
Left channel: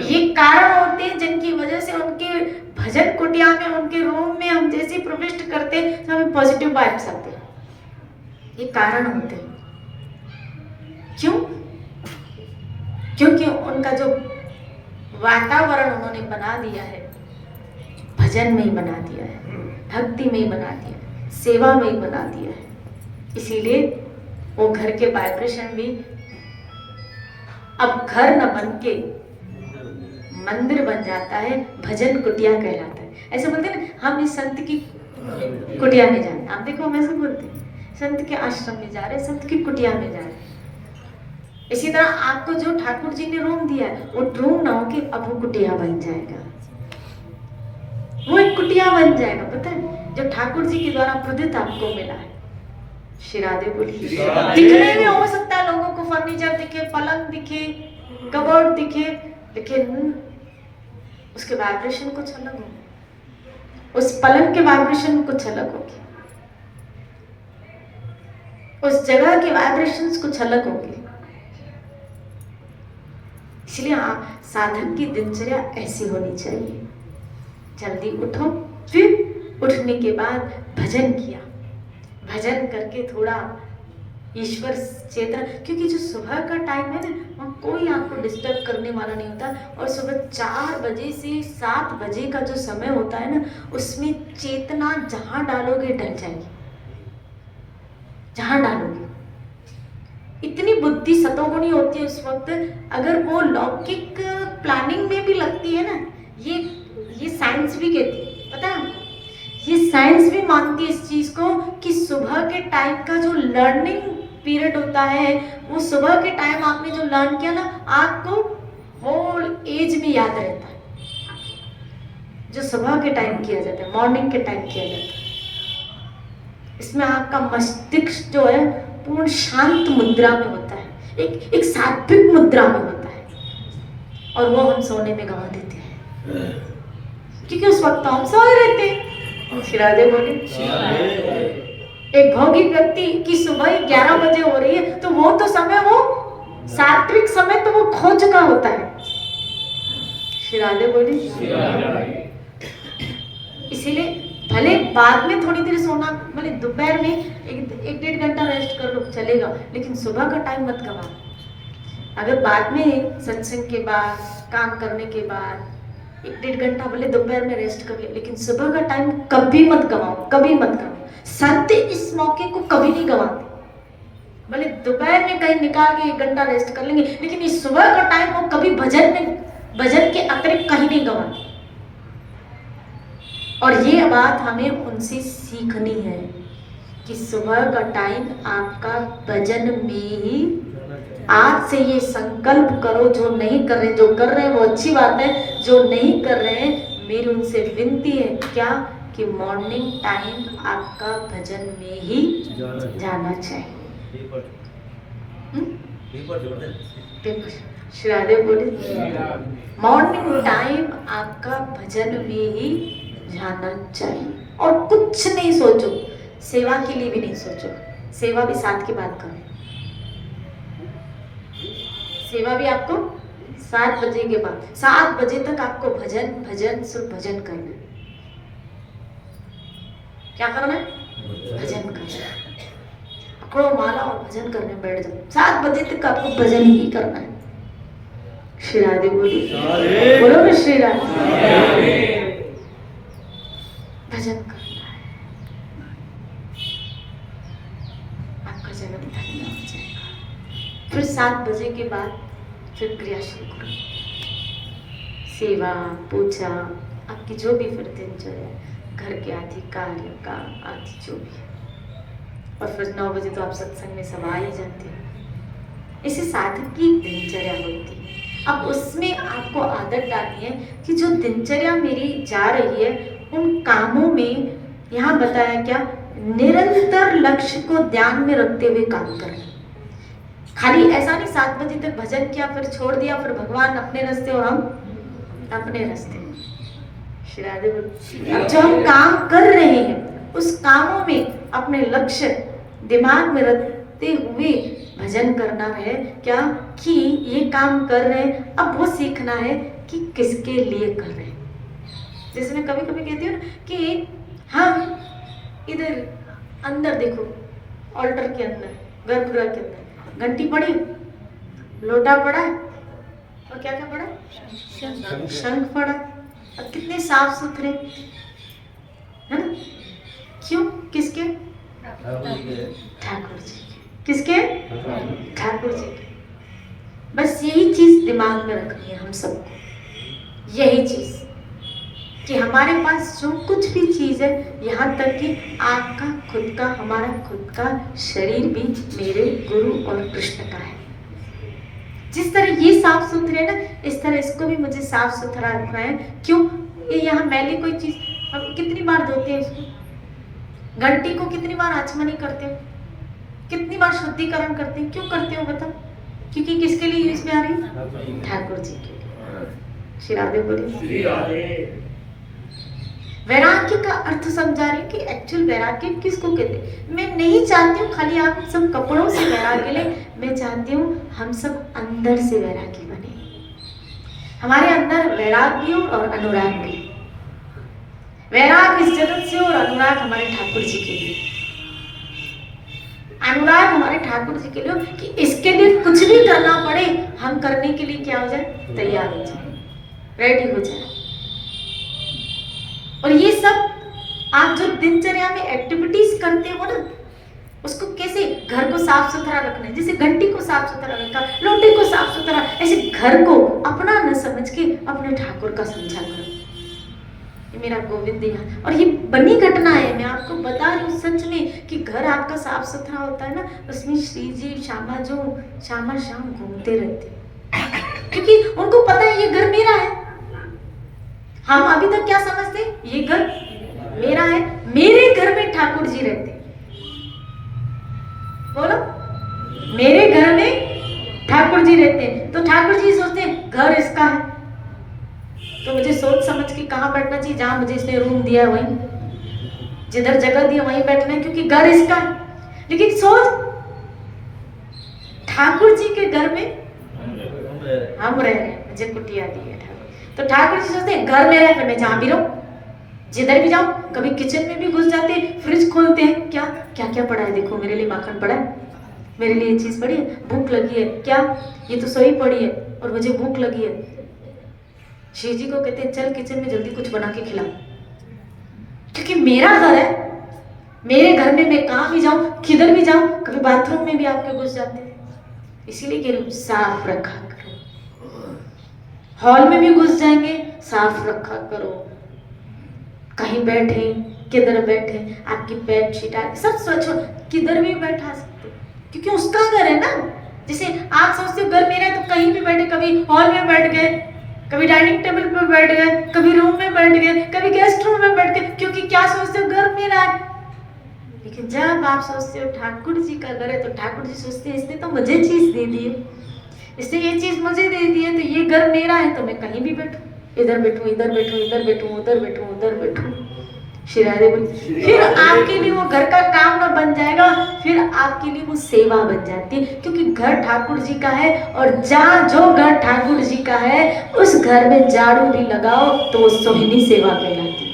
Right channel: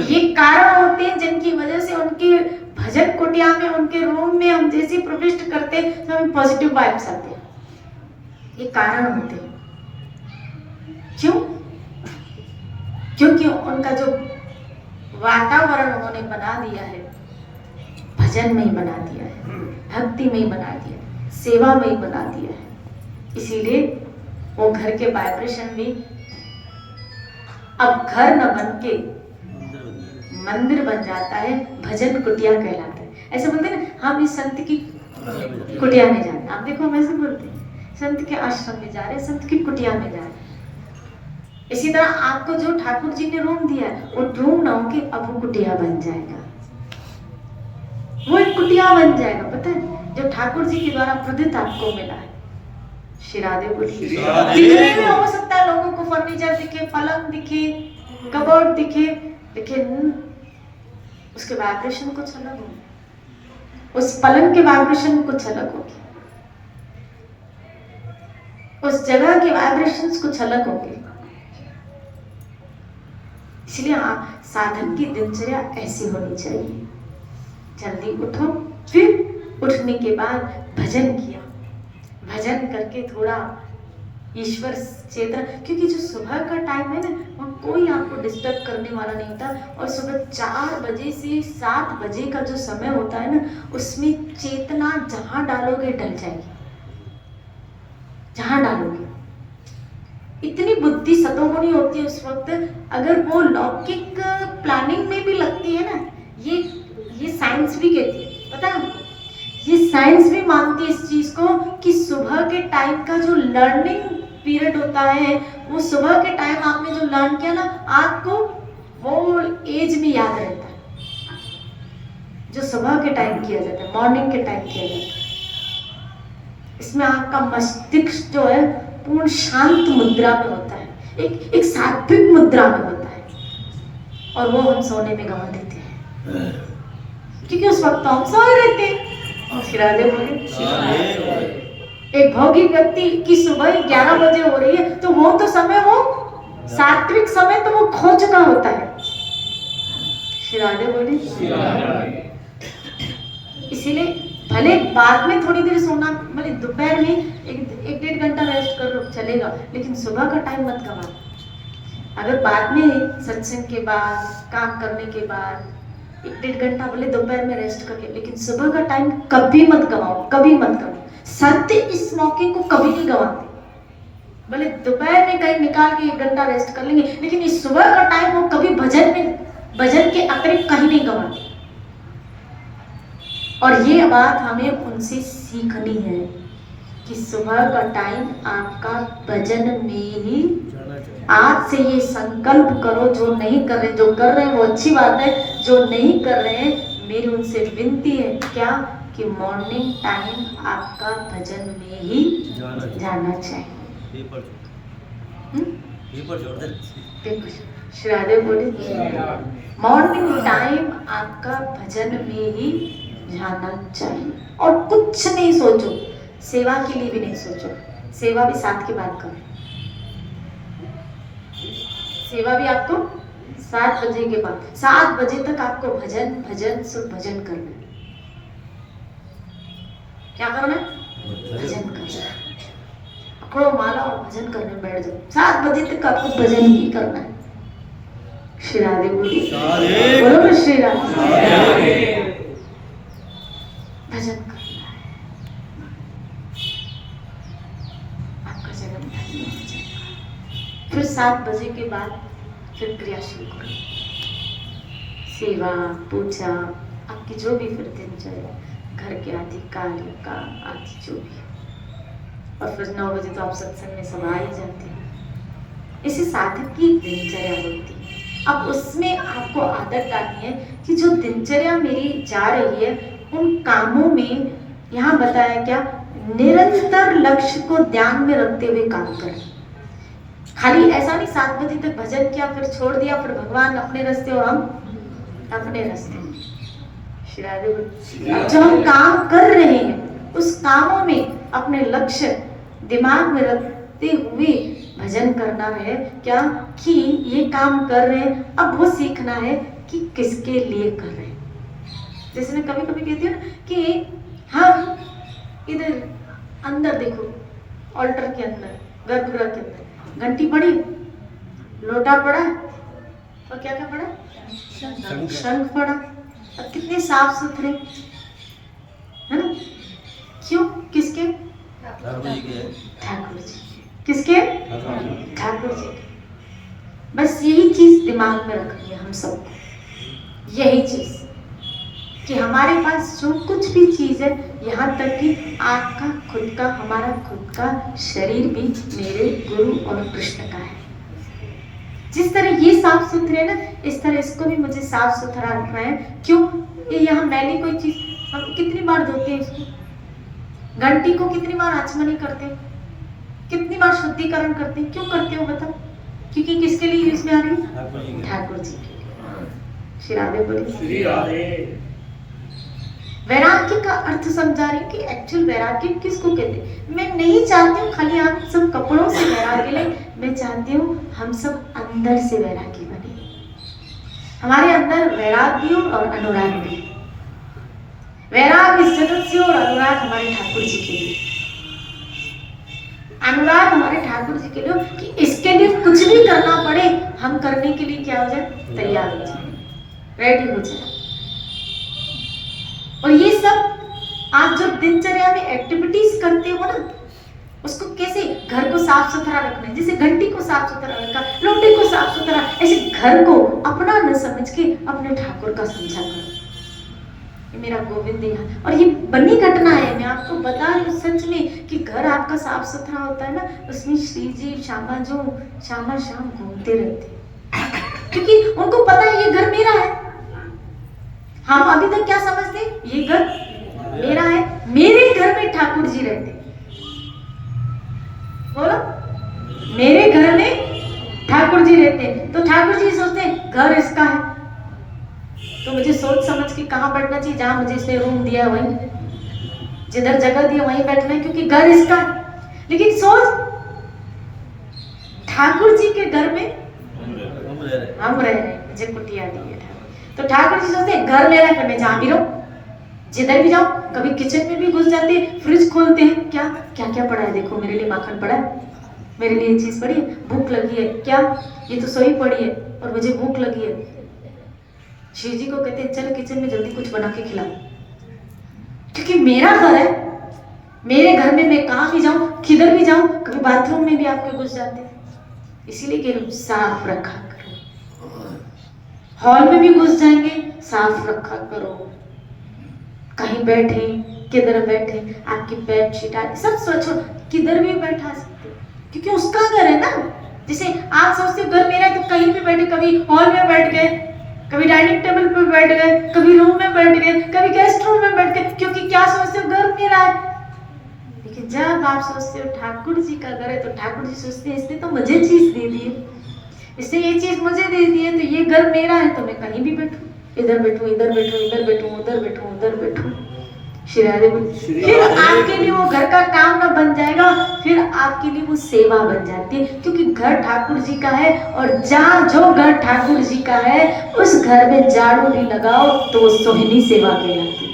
ये कारण होते हैं जिनकी वजह से उनके भजन कुटिया में, उनके रूम में हम जैसे प्रविष्ट करते हैं तो हमें पॉजिटिव वाइब्स आते हैं, ये कारण होते हैं। क्यों? क्योंकि उनका जो वातावरण उन्होंने बना दिया है, भजन में ही बना दिया है, भक्ति में ही बना दिया है, सेवा में ही बना दिया है, इसीलिए वो घर के वाइब्रेशन भी अब घर न बन के मंदिर बन जाता है, भजन कुटिया कहलाता है। ऐसे बोलते हैं ना, हम इस संत की कुटिया में जा रहे हैं, आप देखो हम ऐसे बोलते हैं, संत के आश्रम में जा रहे हैं, संत की कुटिया में जा रहे हैं। इसी तरह आपको जो ठाकुर जी ने रूम दिया है, वो रूम ना होके अब वो कुटिया बन जाएगा, वो एक कुटिया बन जाएगा, पता है, जो ठाकुर जी के द्वारा प्रदत्त आपको मिला है। श्री राधे बोली दिखने में हो सकता है लोगों को फर्नीचर दिखे, पलंग दिखे, कबर्ड दिखे, लेकिन उसके वाइब्रेशन कुछ अलग होगा, उस पलंग के वाइब्रेशन कुछ अलग होगी, उस जगह के वाइब्रेशंस कुछ अलग होंगे। इसलिए साधक की दिनचर्या ऐसी होनी चाहिए, जल्दी उठो, फिर उठने के बाद भजन किया, भजन करके थोड़ा ईश्वर चेतना, क्योंकि जो सुबह का टाइम है ना, वो कोई आपको डिस्टर्ब करने वाला नहीं होता। और सुबह 4 बजे से 7 बजे का जो समय होता है ना, उसमें चेतना जहां डालोगे डल जाएगी, जहां डालोगे। इतनी बुद्धि सतों को नहीं होती है उस वक्त, अगर वो लौकिक प्लानिंग में भी लगती है ना, ये साइंस भी कहती है, पता है, ये साइंस भी मानती है इस चीज को कि सुबह के टाइम का जो लर्निंग पीरियड होता है, वो सुबह के टाइम आपने जो लर्न किया ना, आपको होल एज में याद रहता है। जो सुबह के टाइम किया जाता है, मॉर्निंग के टाइम किया जाता है, इसमें आपका मस्तिष्क जो है पूर्ण शांत मुद्रा में होता है, एक सात्विक मुद्रा में होता है, और वो हम सोने में गंवा देते हैं, क्योंकि उस वक्त हम सोए रहते हैं। और शिरादे बोले, एक भोगी व्यक्ति की सुबह 11 बजे हो रही है, तो वो तो समय, वो सात्विक समय तो वो खो चुका होता है। शिरादे बोले, इसीलिए भले बाद में थोड़ी देर सोना, भले दोपहर में एक 1.5 घंटा रेस्ट कर लो चलेगा, लेकिन सुबह का टाइम मत गवाओ। अगर बाद में सत्संग के बाद, काम करने के बाद 1.5 घंटा भले दोपहर में रेस्ट कर लिया, लेकिन सुबह का टाइम कभी मत गवाओ, कभी मत गवाओ। सत्य इस मौके को कभी नहीं गवाते। भले दोपहर में टाइम निकाल के 1 घंटा रेस्ट कर लेंगे, लेकिन इस सुबह का टाइम वो कभी भजन के अतिरिक्त कहीं नहीं गवाते। और ये बात हमें उनसे सीखनी है कि सुबह का टाइम आपका भजन में ही। आज से ये संकल्प करो, जो नहीं कर रहे, जो कर रहे हैं वो अच्छी बात है, जो नहीं कर रहे हैं मेरी उनसे विनती है क्या, कि मॉर्निंग टाइम आपका भजन में ही जाना चाहिए। देखो श्रीराधे बोले, मॉर्निंग टाइम आपका भजन में ही जाना चाहिए, और कुछ नहीं सोचो, सेवा के लिए भी नहीं सोचो, सेवा भी साथ की बात करो। सेवा भी आपको 7 बजे के बाद, 7 बजे तक आपको भजन भजन सिर्फ भजन करना है। क्या करना है? भजन करना है। पकड़ो माला और भजन करने बैठ जाओ। 7 बजे तक आपको भजन ही करना है। श्री राधे बोली, बोलो श्री राधे। भजन करना है, आपका जन्म धन्य हो जाएगा। फिर 7 बजे के बाद फिर क्रिया शुरू करो, सेवा पूजा, आपकी जो भी फिर दिनचर्या, घर के आदि कार्य का आदि जो भी है। और फिर 9 बजे तो आप सत्संग में समा ही जाते हैं। इसे साधक की दिनचर्या होती है। अब उसमें आपको आदत डालनी है कि जो दिनचर्या मेरी जा रही है, उन कामों में, यहाँ बताया क्या, निरंतर लक्ष्य को ध्यान में रखते हुए काम करें। खाली ऐसा नहीं 7 बजे तक भजन किया फिर छोड़ दिया, फिर भगवान अपने रास्ते और हम अपने रास्ते। जो हम काम कर रहे हैं उस कामों में अपने लक्ष्य दिमाग में रखते हुए भजन करना है क्या, कि ये काम कर रहे हैं, अब वो सीखना है कि किसके लिए कर रहे हैं। जैसे मैं कभी कभी कहती हूँ ना कि हम इधर अंदर देखो, ऑल्टर के अंदर, गर्भगृह के अंदर घंटी पड़ी, लोटा पड़ा, और क्या क्या पड़ा, शंख पड़ा, और कितने साफ सुथरे है ना। क्यों? किसके? ठाकुर जी। किसके? ठाकुर जी। बस यही चीज दिमाग में रखनी है हम सब, यही चीज कि हमारे पास जो कुछ भी चीज है, यहाँ तक कि आपका खुद का, हमारा खुद का शरीर भी मेरे गुरु और कृष्ण का है। जिस तरह ये साफ सुथरे ना, इस तरह इसको भी मुझे साफ सुथरा रखना है। क्यों? ये यहाँ मैली कोई चीज, हम कितनी बार धोते हैं इसको, घंटी को कितनी बार आचमनी करते हो, कितनी बार शुद्धिकरण करते हैं। क्यों करते हो बताओ? क्योंकि किसके लिए यूज में आ रही है? ठाकुर जी के लिए। श्री राधे बोलिए। वैराग्य का अर्थ समझा रही हूँ कि एक्चुअल वैराग्य किसको कहते हैं। मैं नहीं चाहती हूँ खाली आप सब कपड़ों से वैराग्य ले, मैं चाहती हूँ हम सब अंदर से वैरागी बने। हमारे अंदर वैराग्य और अनुराग भी, वैराग इस जगत से और अनुराग हमारे ठाकुर जी के लिए। अनुराग हमारे ठाकुर जी के लिए कि इसके लिए कुछ भी करना पड़े, हम हम करने के लिए क्या हो जाए, तैयार हो जाए, रेडी हो जाए। और ये सब आप जब दिनचर्या में एक्टिविटीज करते हो ना, उसको कैसे घर को साफ सुथरा रखना है, जैसे घंटी को साफ सुथरा रखा, लोटे को साफ सुथरा, ऐसे घर को अपना न समझ के अपने ठाकुर का समझा करो, ये मेरा गोविंद है। और ये बनी घटना है, मैं आपको बता रही हूँ सच में, कि घर आपका साफ सुथरा होता है ना, उसमें श्री जी श्यामा जो शाम घूमते रहते, क्योंकि उनको पता है ये घर मेरा है। हम अभी तक क्या समझते, ये घर मेरा है, मेरे घर में ठाकुर जी रहते, बोलो मेरे घर में ठाकुर जी रहते हैं, तो ठाकुर जी सोचते हैं घर इसका है, तो मुझे सोच समझ के कहाँ बैठना चाहिए, जहां मुझे इसने रूम दिया है वहीं, जिधर जगह दी है वहीं बैठना है, क्योंकि घर इसका है। लेकिन सोच, ठाकुर जी के घर में हम रह रहे हैं, मुझे कुटिया दी है, तो ठाकुर जी सोचते हैं घर मेरा है, मैं जहां भी रहूं, जिधर भी जाओ। कभी किचन में भी घुस जाते हैं, फ्रिज खोलते हैं, क्या क्या क्या पड़ा है देखो, मेरे लिए माखन पड़ा है, मेरे लिए ये चीज पड़ी है, भूख लगी है, क्या ये तो सोई पड़ी है और मुझे भूख लगी है। श्री जी को कहते हैं चल किचन में जल्दी कुछ बना के खिलाओ, क्योंकि मेरा घर है, मेरे घर में मैं कहाँ भी जाऊं, किधर भी जाऊं, कभी बाथरूम में भी आपके घुस जाते हैं, इसीलिए कह रही हूं साफ रखा करो। हॉल में भी घुस जाएंगे, साफ रखा करो, कहीं बैठे किधर बैठे, आपकी बेड शीट सब स्वच्छ हो, किधर भी बैठा सकते, क्योंकि उसका घर है ना। जैसे आप सोचते हो घर मेरा है, तो कहीं भी बैठे, कभी हॉल में बैठ गए, कभी डाइनिंग टेबल पे बैठ गए, कभी रूम में बैठ गए, कभी गेस्ट रूम में बैठ गए, क्योंकि क्या सोचते हो घर मेरा है। लेकिन जब आप सोचते हो ठाकुर जी का घर है, तो ठाकुर जी सोचते हैं इसने तो मुझे चीज दे दी है, इसने ये चीज मुझे दे दी है, तो ये घर मेरा है, तो मैं कहीं भी बैठूं, इधर बैठूं, इधर बैठूं, इधर बैठूं, उधर बैठूं, उधर बैठूं। फिर आपके लिए वो घर का काम ना बन जाएगा, फिर आपके लिए वो सेवा बन जाती है, क्योंकि घर ठाकुर जी का है, और जहाँ जो घर ठाकुर जी का है उस घर में झाड़ू भी लगाओ तो सोहिनी सेवा कहलाती है।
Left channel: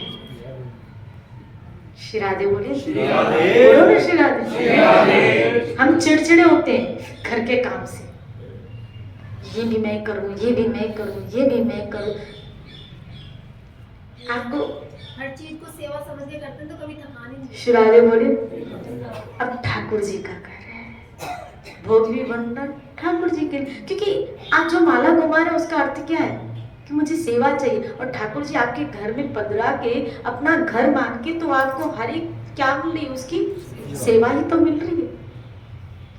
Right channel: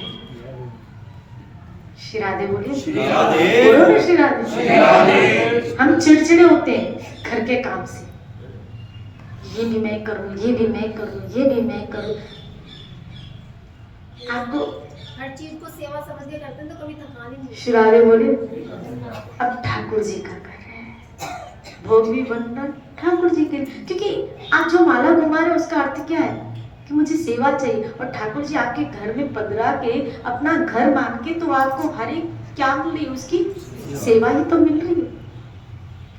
श्री राधे बोलिए, श्री राधे। हम चिड़चिड़े होते हैं घर के काम से, ये भी मैं करूं, ये भी मैं करूं, ये भी मैं करूं। आपको हर चीज को सेवा समझ के करते हैं तो कभी थकान ही नहीं। श्री राधे बोलिए। अब ठाकुर जी का घर है, भोग भी बनना ठाकुर जी के, क्योंकि आप जो माला घुमा रहे हो उसका अर्थ क्या है कि मुझे सेवा चाहिए, और ठाकुर जी आपके घर में पधरा के अपना घर मान के, तो आपको हर एक क्या मिल रही है, उसकी सेवा ही तो मिल रही है,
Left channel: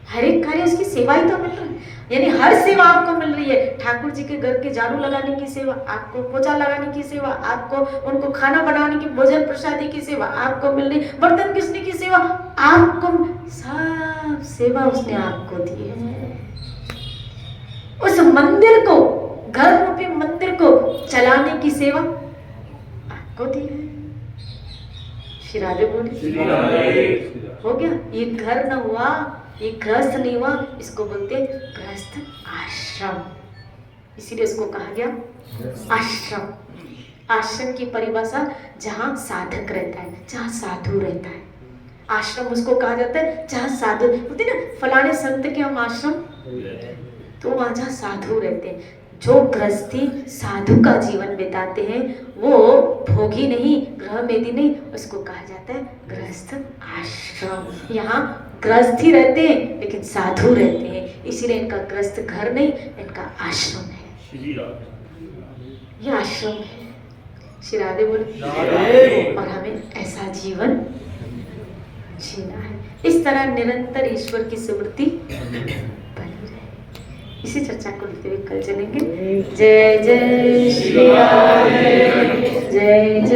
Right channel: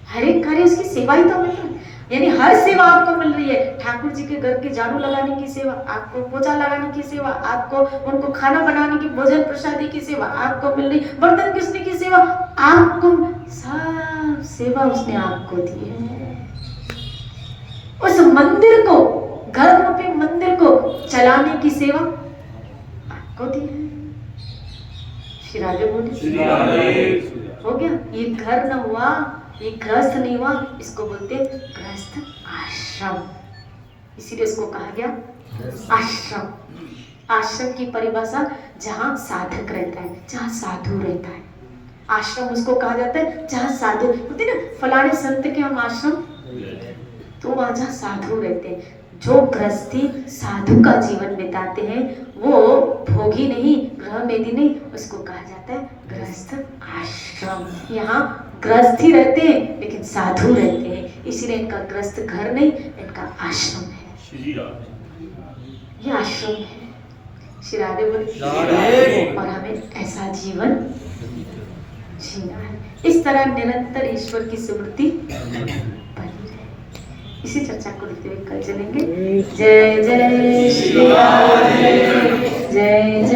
हर एक कार्य उसकी सेवा ही तो मिल रही है, यानी हर सेवा आपको मिल रही है। ठाकुर जी के घर के झाड़ू लगाने की सेवा, आपको पोछा लगाने की सेवा, आपको उनको खाना बनाने की, भोजन प्रसादी की सेवा आपको मिल रही, बर्तन घिसने की सेवा आपको, सब सेवा उसने आपको दी है। उस मंदिर को, घर रूपी मंदिर को चलाने की सेवा आपको दी है। श्री राधे बोलिए, हो गया। ये घर न हुआ, ये गृहस्थ नहीं हुआ, इसको बोलते गृहस्थ आश्रम, इसीलिए इसको कहा गया आश्रम। आश्रम की परिभाषा जहाँ साधक रहता है, जहाँ साधु रहता है, आश्रम उसको कहा जाता है जहाँ साधु होते ना, फलाने संत के हम आश्रम, तो वहाँ जहाँ साधु रहते हैं, जो गृहस्थी साधु का जीवन बिताते हैं, वो भोगी नहीं, गृहमेदी नहीं, उसको कहा जाता है गृहस्थ आश्रम। यहाँ गृहस्थी रहते हैं लेकिन साधु रहते हैं, इसीलिए इनका गृहस्थ घर नहीं, इनका आश्रम है, ये आश्रम है। श्री राधे बोले। और हमें ऐसा जीवन जीना है, इस तरह निरंतर ईश्वर की स्मृति बनी रहे। इसी चर्चा को लेते हुए कल चलेंगे। जय जय श्री राधे, जय जय।